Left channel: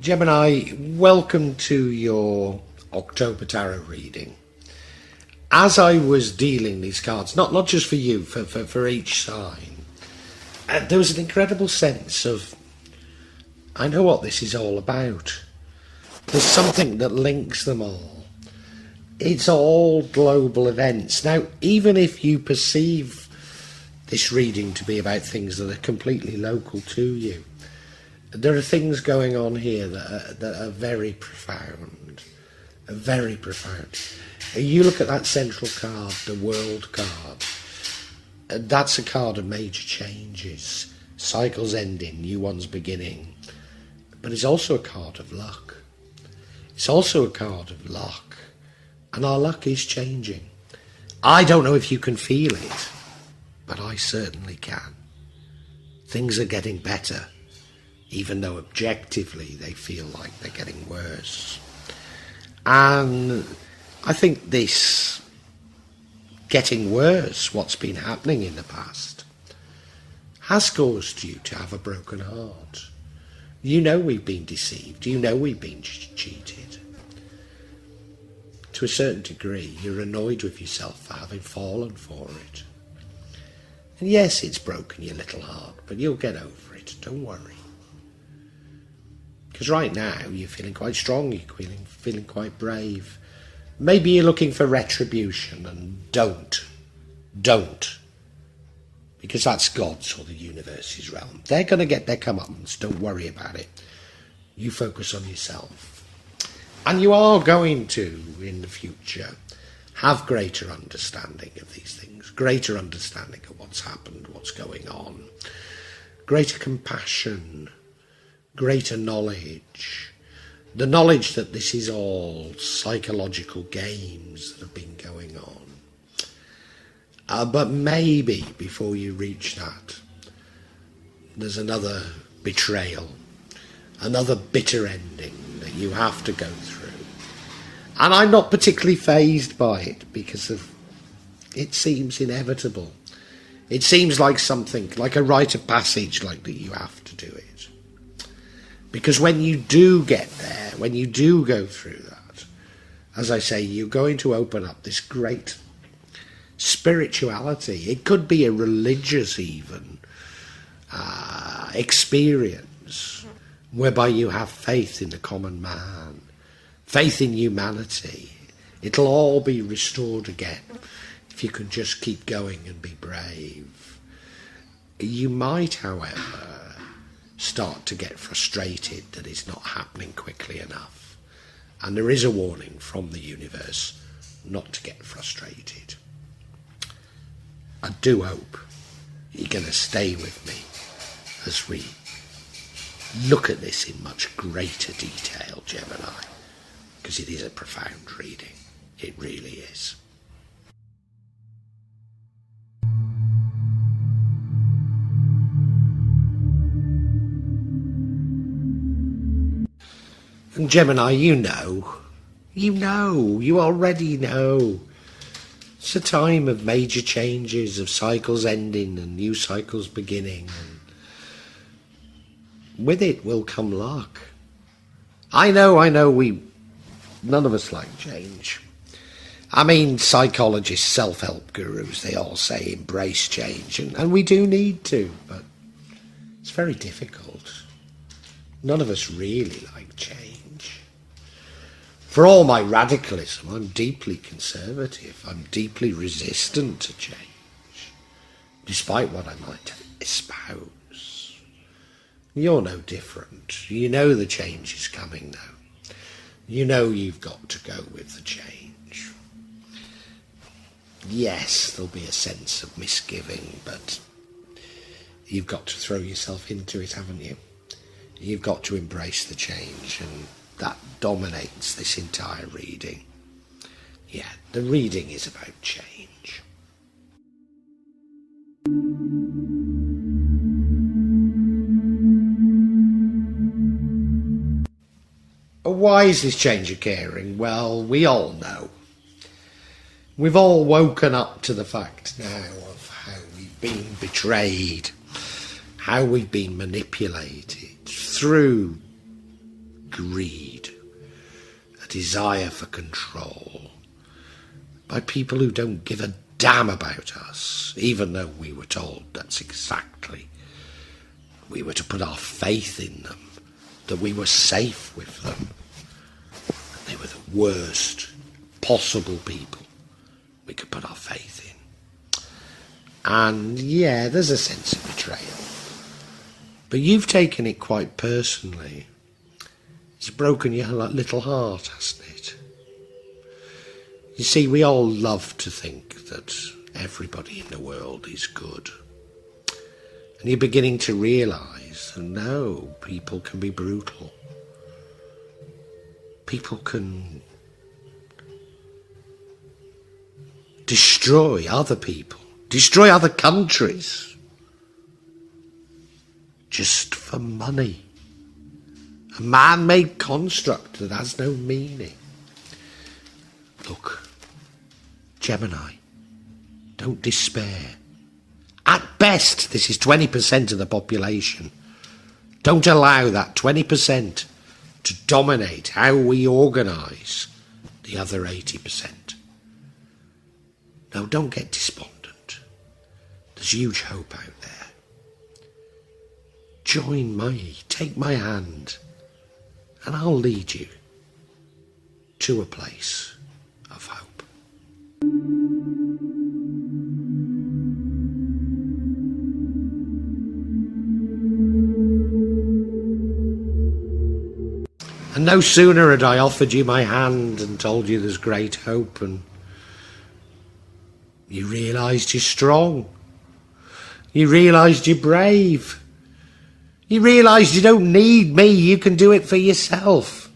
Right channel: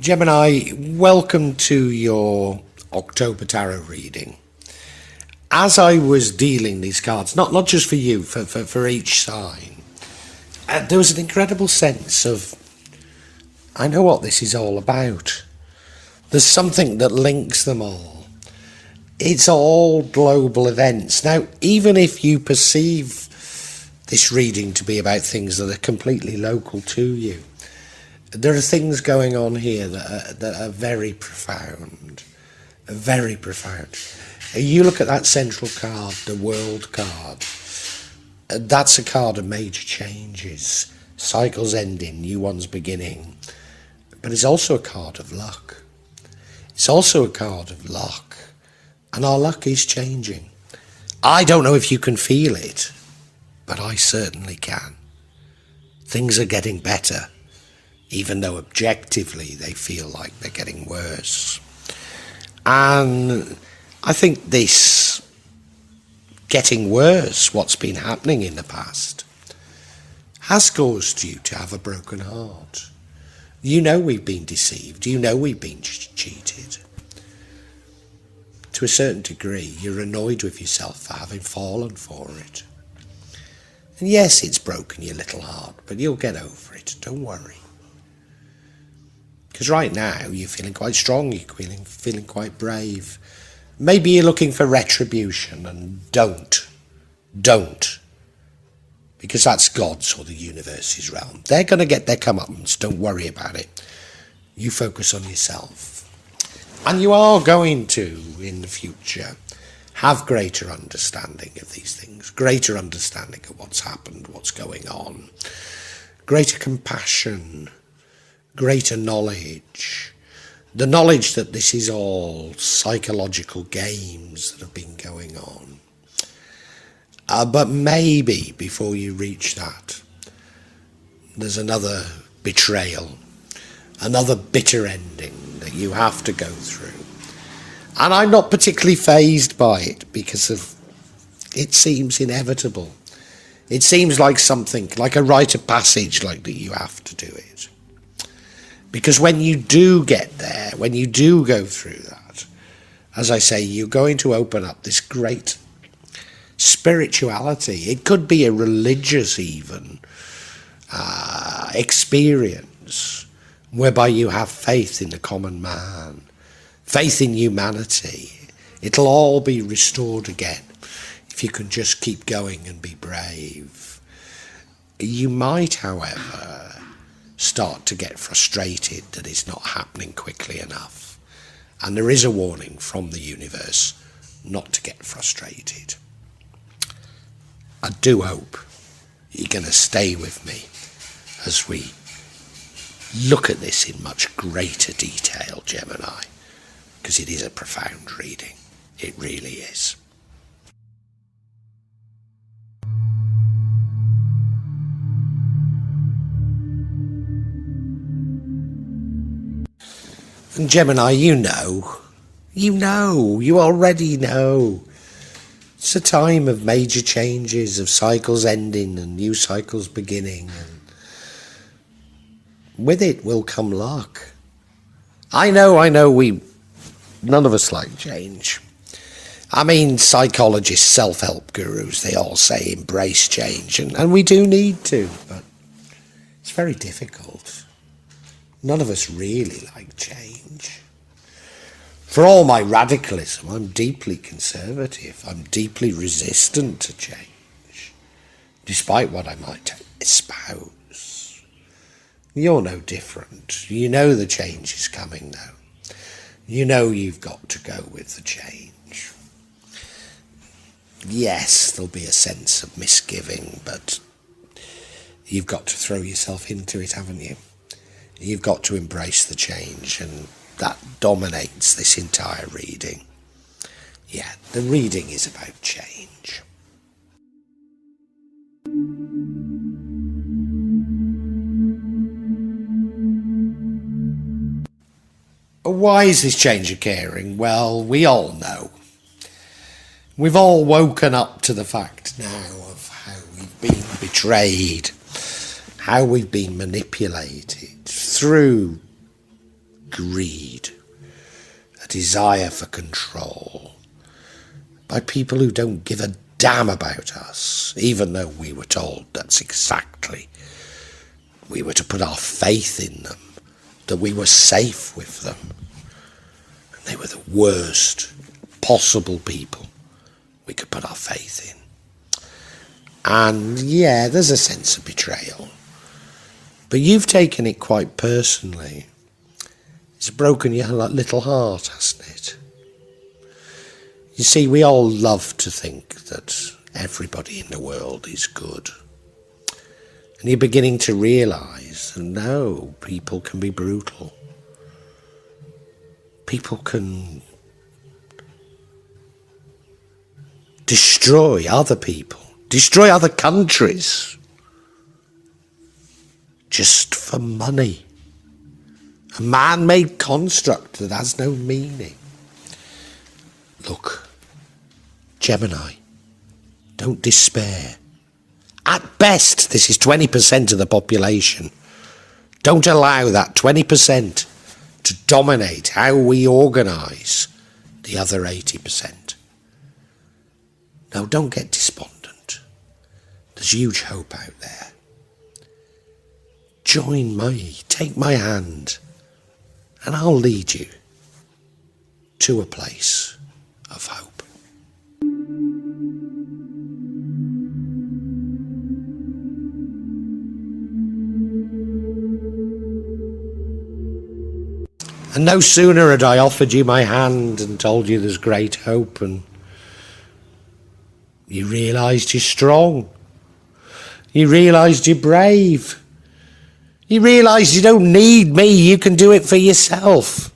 Gemini, welcome to your October tarot reading. As I was dealing these cards, not just for you, for each sign, there was an incredible sense of, I know what this is all about. There's something that links them all. It's all global events. Now, even if you perceive this reading to be about things that are completely local to you, there are things going on here that are very profound. Very profound. You look at that central card, the World card. That's a card of major changes. Cycles ending, new ones beginning. But it's also a card of luck. It's also a card of luck. And our luck is changing. I don't know if you can feel it, but I certainly can. Things are getting better, even though objectively they feel like they're getting worse. And I think this getting worse, what's been happening in the past, has caused you to have a broken heart. You know we've been deceived. You know we've been cheated. To a certain degree, you're annoyed with yourself for having fallen for it. And yes, it's broken your little heart, but you'll get over it. Don't worry. Because right now, you're feeling quite strong. You're feeling quite brave. Maybe you're looking for retribution, and don't. Because that's God's or the universe's realm. They're going to get their comeuppance. Don't worry about it. You focus on yourself. And you are going to, in the future, have greater understanding of these things. Greater understanding of what's happened, what's going on. Greater compassion. Greater knowledge. The knowledge that this is all psychological games that have been going on. But maybe before you reach that, there's another betrayal, another bitter ending that you have to go through. And I'm not particularly fazed by it because it seems inevitable. It seems like something, like a rite of passage, like that you have to do it. Because when you do get there, when you do go through that, as I say, you're going to open up this great spirituality. It could be a religious even experience whereby you have faith in the common man, faith in humanity. It'll all be restored again if you can just keep going and be brave. You might, however, start to get frustrated that it's not happening quickly enough. And there is a warning from the universe not to get frustrated. I do hope you're going to stay with me as we look at this in much greater detail, Gemini, because it is a profound reading. It really is. And Gemini, you already know. It's a time of major changes, of cycles ending and new cycles beginning. And with it will come luck. I know, none of us like change. I mean, psychologists, self-help gurus, they all say embrace change, and we do need to, but it's very difficult. None of us really like change. For all my radicalism, I'm deeply conservative. I'm deeply resistant to change, despite what I might espouse. You're no different. You know the change is coming, though. You know you've got to go with the change. Yes, there'll be a sense of misgiving, but you've got to throw yourself into it, haven't you? You've got to embrace the change, and that dominates this entire reading. Yeah, the reading is about change. Why is this change occurring? Well, we all know. We've all woken up to the fact now of how we've been betrayed, how we've been manipulated through greed, a desire for control, by people who don't give a damn about us, even though we were told that's exactly, we were to put our faith in them, that we were safe with them. They were the worst possible people we could put our faith in. And yeah, there's a sense of betrayal. But you've taken it quite personally. It's broken your little heart, hasn't it? You see, we all love to think that everybody in the world is good. And you're beginning to realise that no, people can be brutal. People can destroy other people, destroy other countries, just for money. A man-made construct that has no meaning. Look, Gemini, don't despair. At best, this is 20% of the population. Don't allow that 20% to dominate how we organise the other 80%. Now, don't get despondent. There's huge hope out there. Join me, take my hand, and I'll lead you to a place of hope. And no sooner had I offered you my hand and told you there's great hope, and you realised you're strong. You realised you're brave. You realised you don't need me, you can do it for yourself.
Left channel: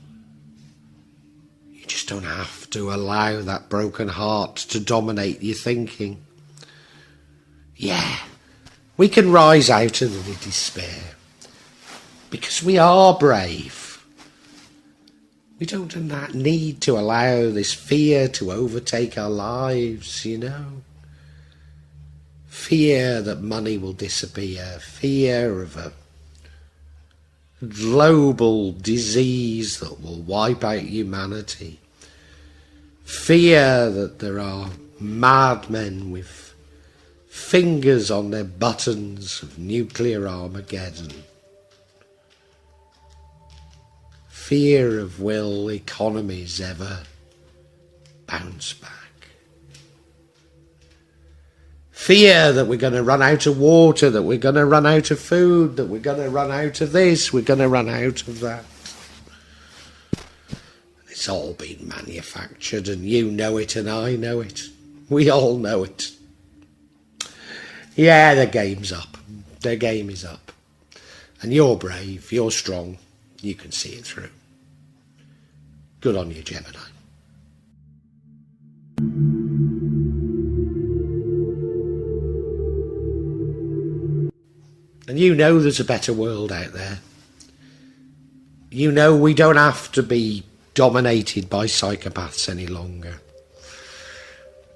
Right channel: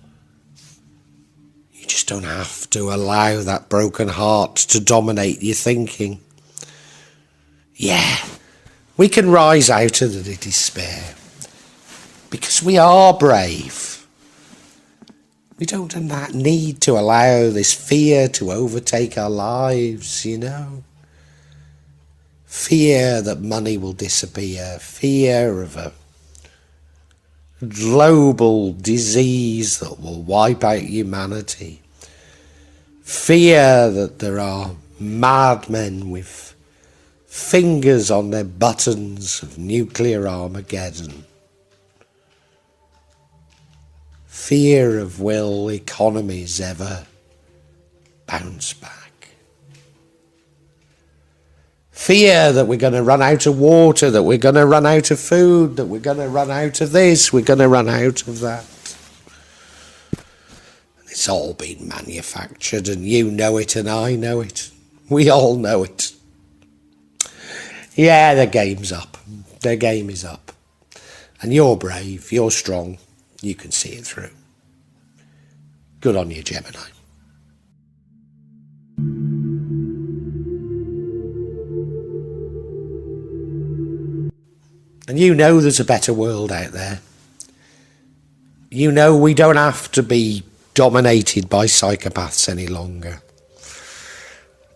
You just don't have to allow that broken heart to dominate your thinking. Yeah, we can rise out of the despair because we are brave. We don't need to allow this fear to overtake our lives, you know. Fear that money will disappear, fear of a global disease that will wipe out humanity, fear that there are madmen with fingers on their buttons of nuclear Armageddon, fear of will economies ever bounce back. Fear that we're going to run out of water, that we're going to run out of food, that we're going to run out of this, we're going to run out of that. It's all been manufactured, and you know it and I know it. We all know it. Yeah, the game's up. The game is up. And you're brave, you're strong, you can see it through. Good on you, Gemini. And you know there's a better world out there. You know we don't have to be dominated by psychopaths any longer.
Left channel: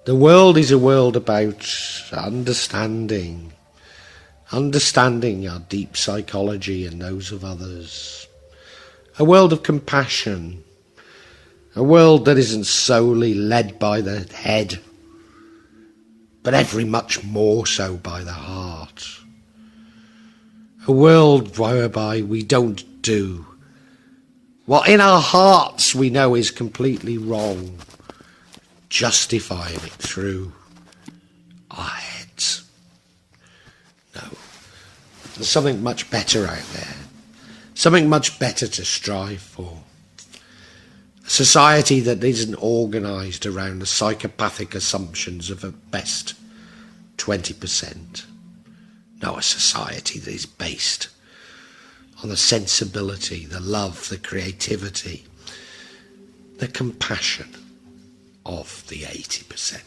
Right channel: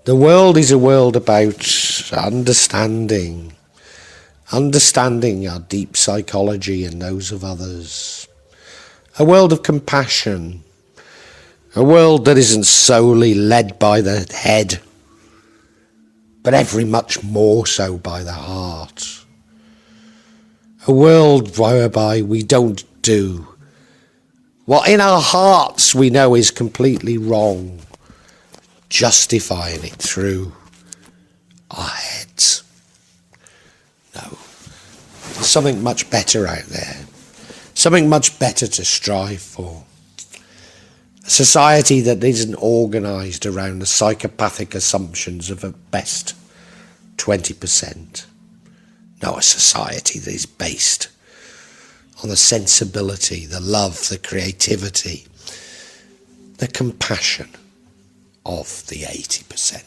The world is a world about understanding our deep psychology and those of others. A world of compassion. A world that isn't solely led by the head, but every much more so by the heart. A world whereby we don't do what in our hearts we know is completely wrong, justifying it through our heads. No, there's something much better out there, something much better to strive for. A society that isn't organised around the psychopathic assumptions of at best 20%. No, a society that is based on the sensibility, the love, the creativity, the compassion of the 80%.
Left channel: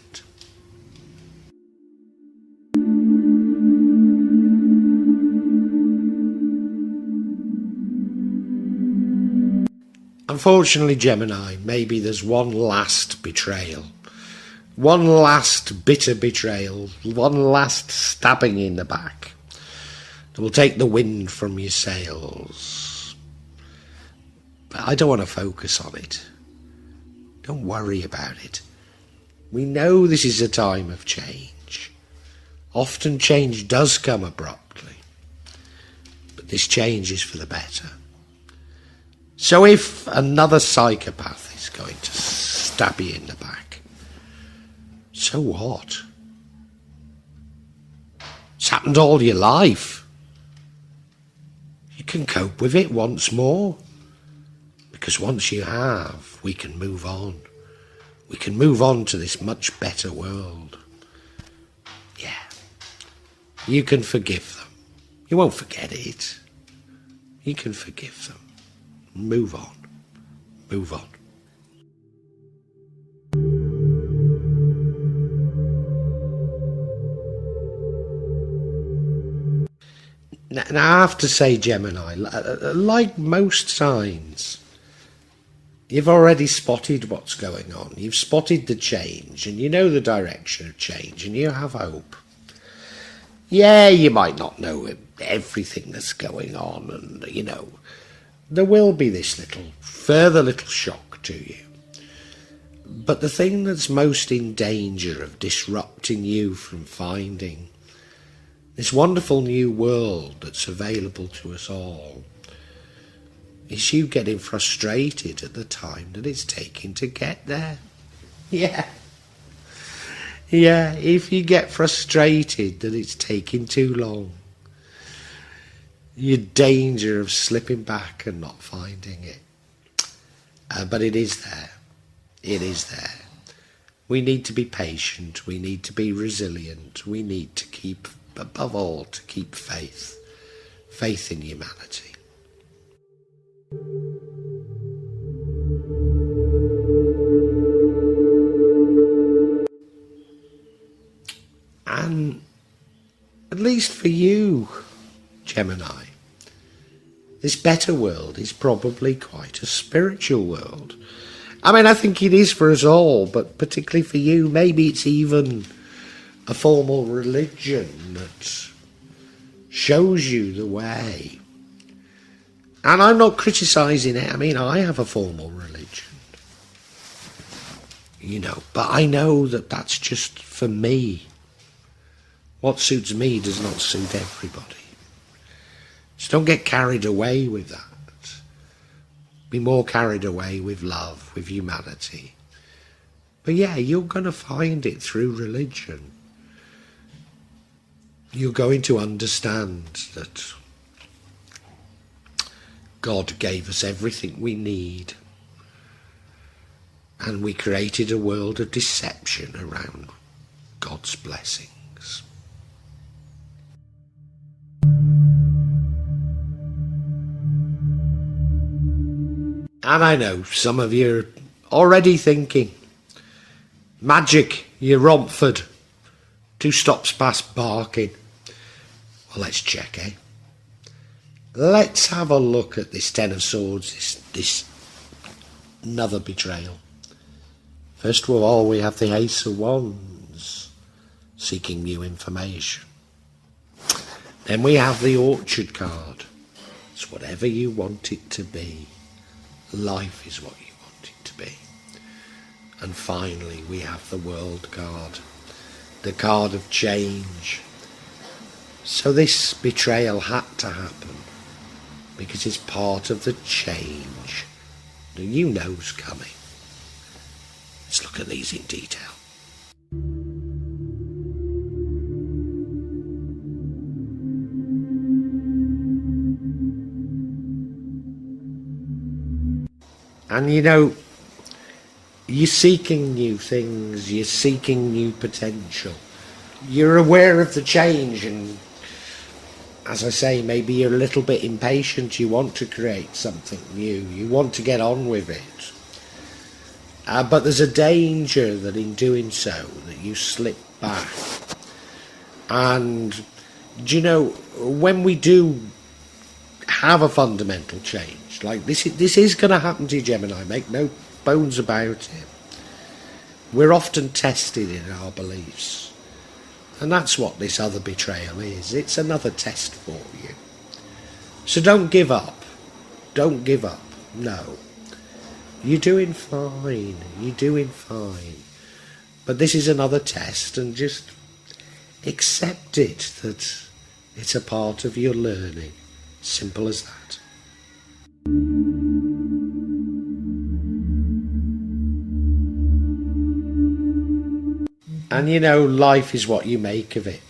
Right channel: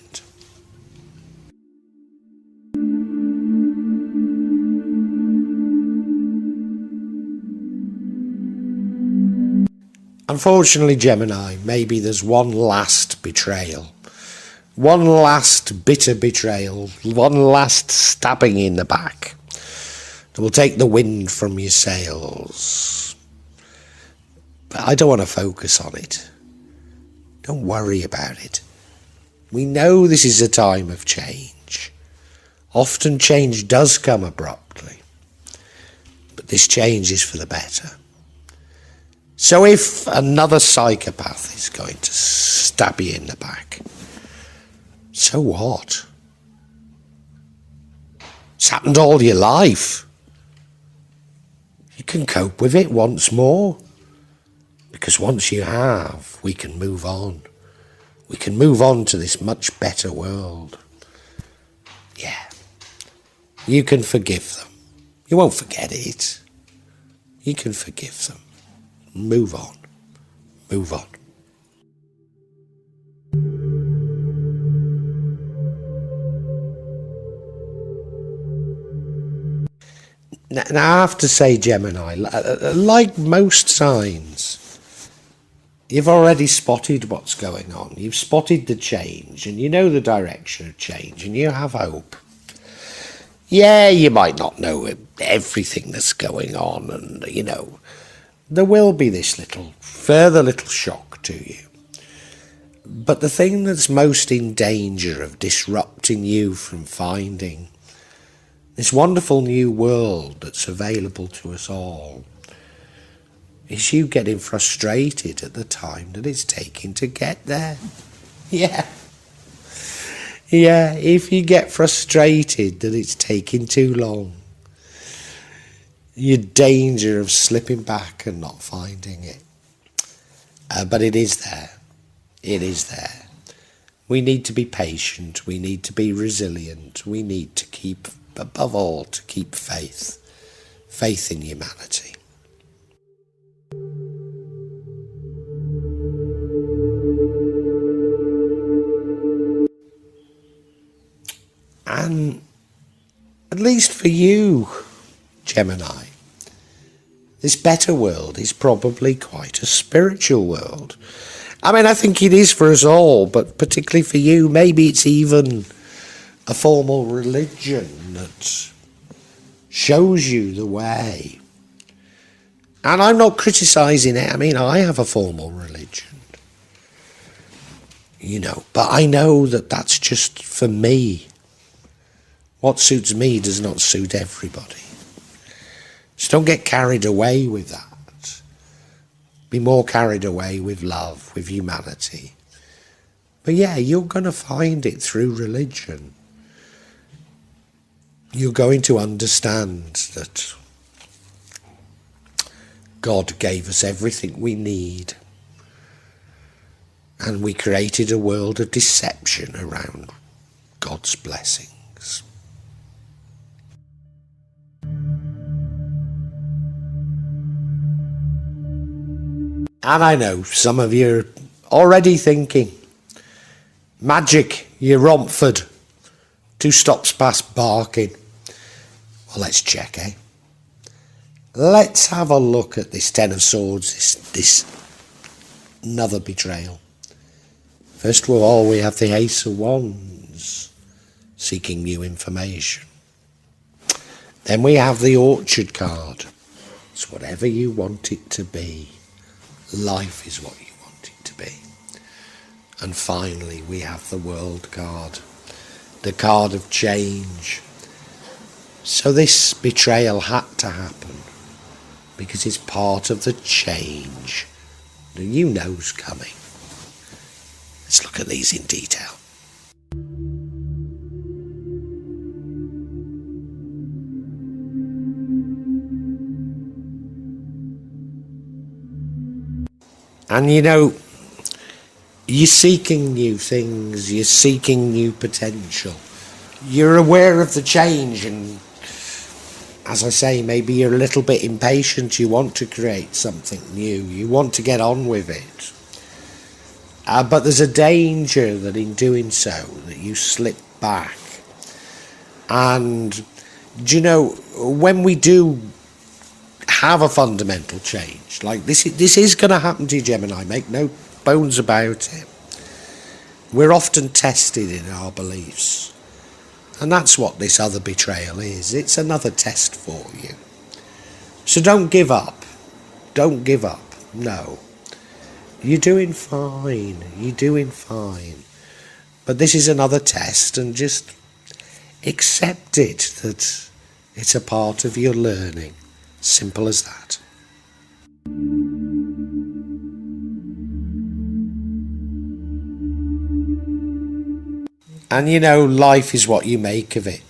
Unfortunately, Gemini, maybe there's one last betrayal. One last bitter betrayal, one last stabbing in the back that will take the wind from your sails. But I don't want to focus on it. Don't worry about it. We know this is a time of change. Often change does come abruptly, but this change is for the better. So if another psychopath is going to stab you in the back, so what? It's happened all your life. You can cope with it once more. Because once you have, we can move on. We can move on to this much better world. Yeah. You can forgive them. You won't forget it. You can forgive them. Move on. Move on. Now, I have to say, Gemini, like most signs, you've already spotted what's going on. You've spotted the change, and you know the direction of change, and you have hope. Yeah, you might not know everything that's going on, and, there will be this further little shock to you. But the thing that's most in danger of disrupting you from finding this wonderful new world that's available to us all is you getting frustrated at the time that it's taking to get there. Yeah. Yeah, if you get frustrated that it's taking too long, you're in danger of slipping back and not finding it. But it is there. It is there. We need to be patient. We need to be resilient. We need to keep, above all, to keep faith. Faith in humanity. And at least for you, Gemini, this better world is probably quite a spiritual world. I mean, I think it is for us all, but particularly for you, maybe it's even a formal religion that shows you the way. And I'm not criticising it. I mean, I have a formal religion, but I know that that's just for me. What suits me does not suit everybody. Just don't get carried away with that. Be more carried away with love, with humanity. But yeah, you're going to find it through religion. You're going to understand that God gave us everything we need. And we created a world of deception around God's blessings. And I know some of you are already thinking, magic, you Romford, 2 stops past barking. Well, let's check, eh? Let's have a look at this 10 of Swords, this another betrayal. First of all, we have the Ace of Wands, seeking new information. Then we have the Orchard card. It's whatever you want it to be. Life is what you want it to be. And finally, we have the World card, the card of change. So this betrayal had to happen because it's part of the change that you know's coming. Let's look at these in detail. And you're seeking new things, you're seeking new potential. You're aware of the change, and as I say, maybe you're a little bit impatient. You want to create something new, you want to get on with it. But there's a danger that in doing so, that you slip back. And, when we do have a fundamental change, like this is going to happen to you, Gemini, make no bones about it. We're often tested in our beliefs. And that's what this other betrayal is. It's another test for you. So don't give up. Don't give up. No. You're doing fine. You're doing fine. But this is another test, and just accept it, that it's a part of your learning. Simple as that. And life is what you make of it.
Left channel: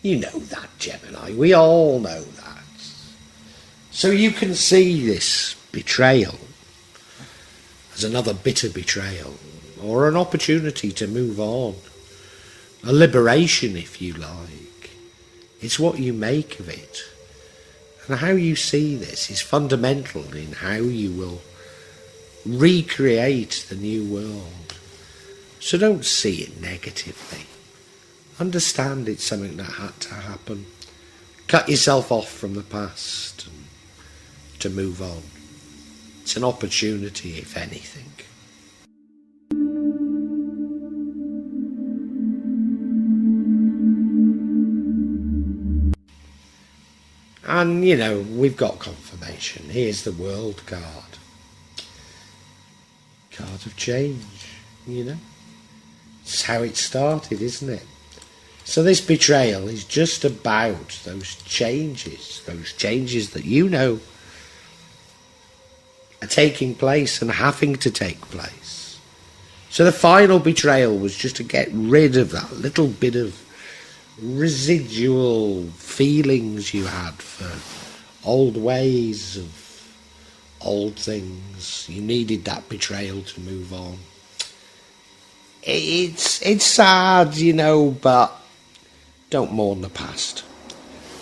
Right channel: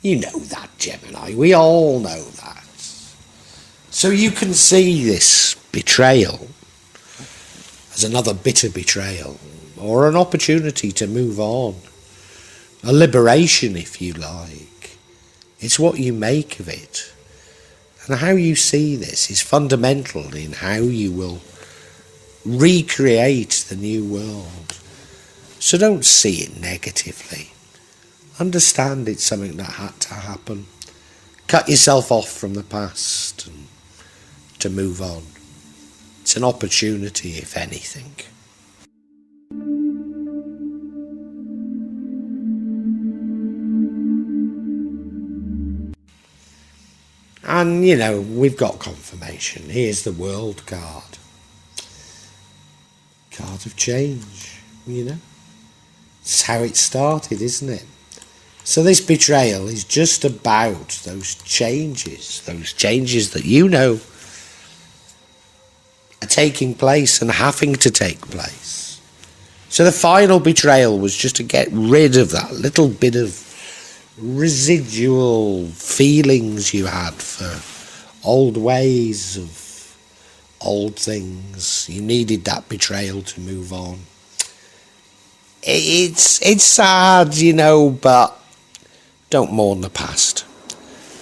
You know that, Gemini. We all know that. So you can see this betrayal as another bitter betrayal, or an opportunity to move on. A liberation, if you like. It's what you make of it. And how you see this is fundamental in how you will recreate the new world. So don't see it negatively. Understand it's something that had to happen. Cut yourself off from the past and to move on. It's an opportunity, if anything. And, we've got confirmation. Here's the World card. Card of change, It's how it started, isn't it? So this betrayal is just about those changes that are taking place and having to take place. So the final betrayal was just to get rid of that little bit of residual feelings you had for old ways of old things. You needed that betrayal to move on. It's sad, but don't mourn the past.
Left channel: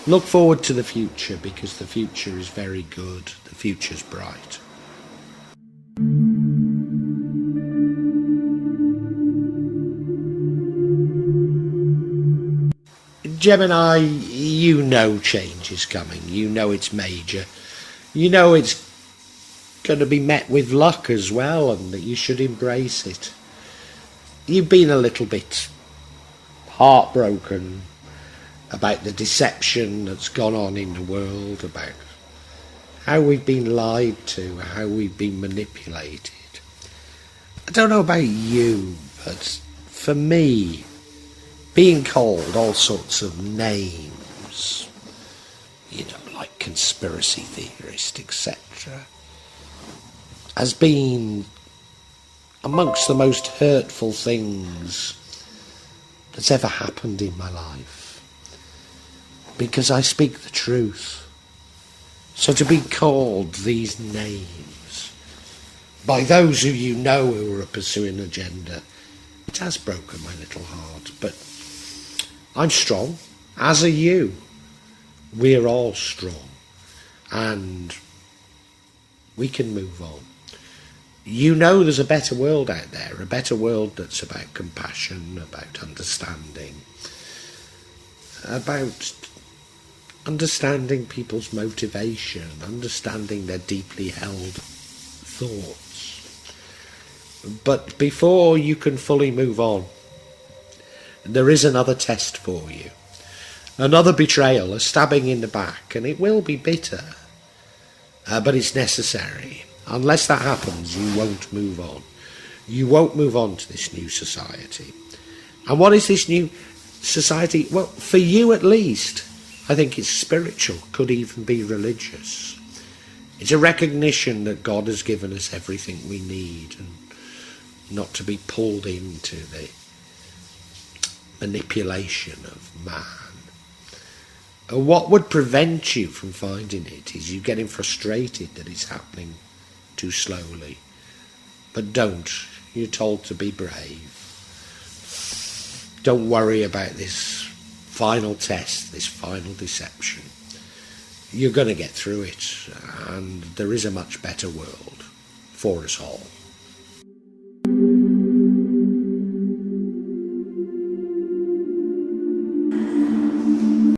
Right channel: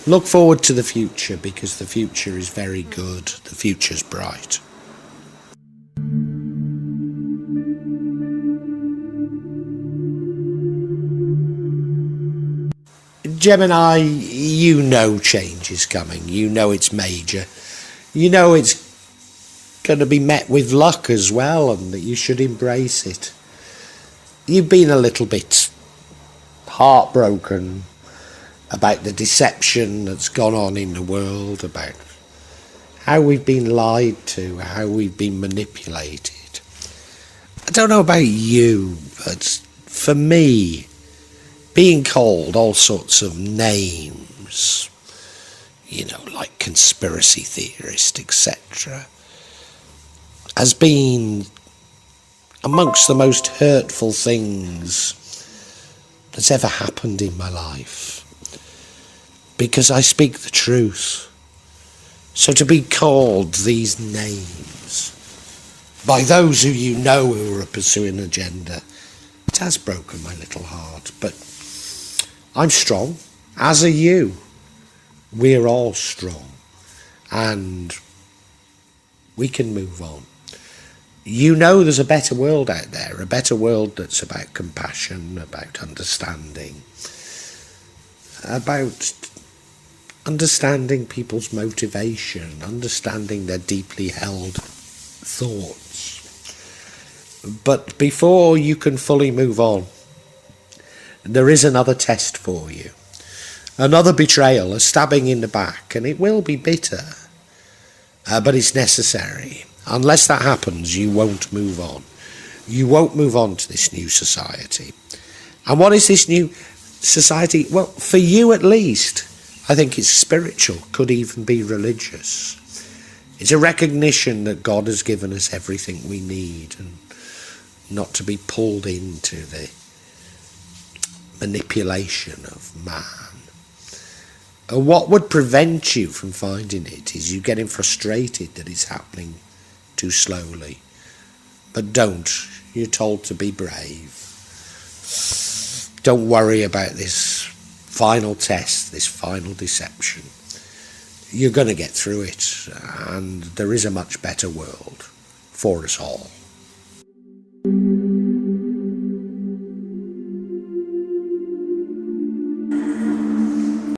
Look forward to the future, because the future is very good. The future's bright. Gemini, change is coming. It's major. It's going to be met with luck as well, and that you should embrace it. You've been a little bit heartbroken about the deception that's gone on in the world, about how we've been lied to, how we've been manipulated. I don't know about you, but for me, being called all sorts of names, like conspiracy theorist, etc., has been amongst the most hurtful things that's ever happened in my life, because I speak the truth. So to be called these names by those who are pursuing an agenda, it has broken my little heart. But I'm strong, as are you. We're all strong, and we can move on. There's a better world out there, a better world that's about compassion, about understanding, about understanding people's motivation, understanding their deeply held thoughts. But before you can fully move on, there is another test for you. Another betrayal, a stabbing in the back, and it will be bitter, but it's necessary. Unless that happens, you won't move on. You won't move on to this new society. And what is this new society? Well, for you at least, I think it's spiritual, could even be religious. It's a recognition that God has given us everything we need, and not to be pulled into the manipulation of man. And what would prevent you from finding it is you getting frustrated that it's happening too slowly. But don't. You're told to be brave. Don't worry about this final test, this final deception. You're going to get through it, and there is a much better world for us all.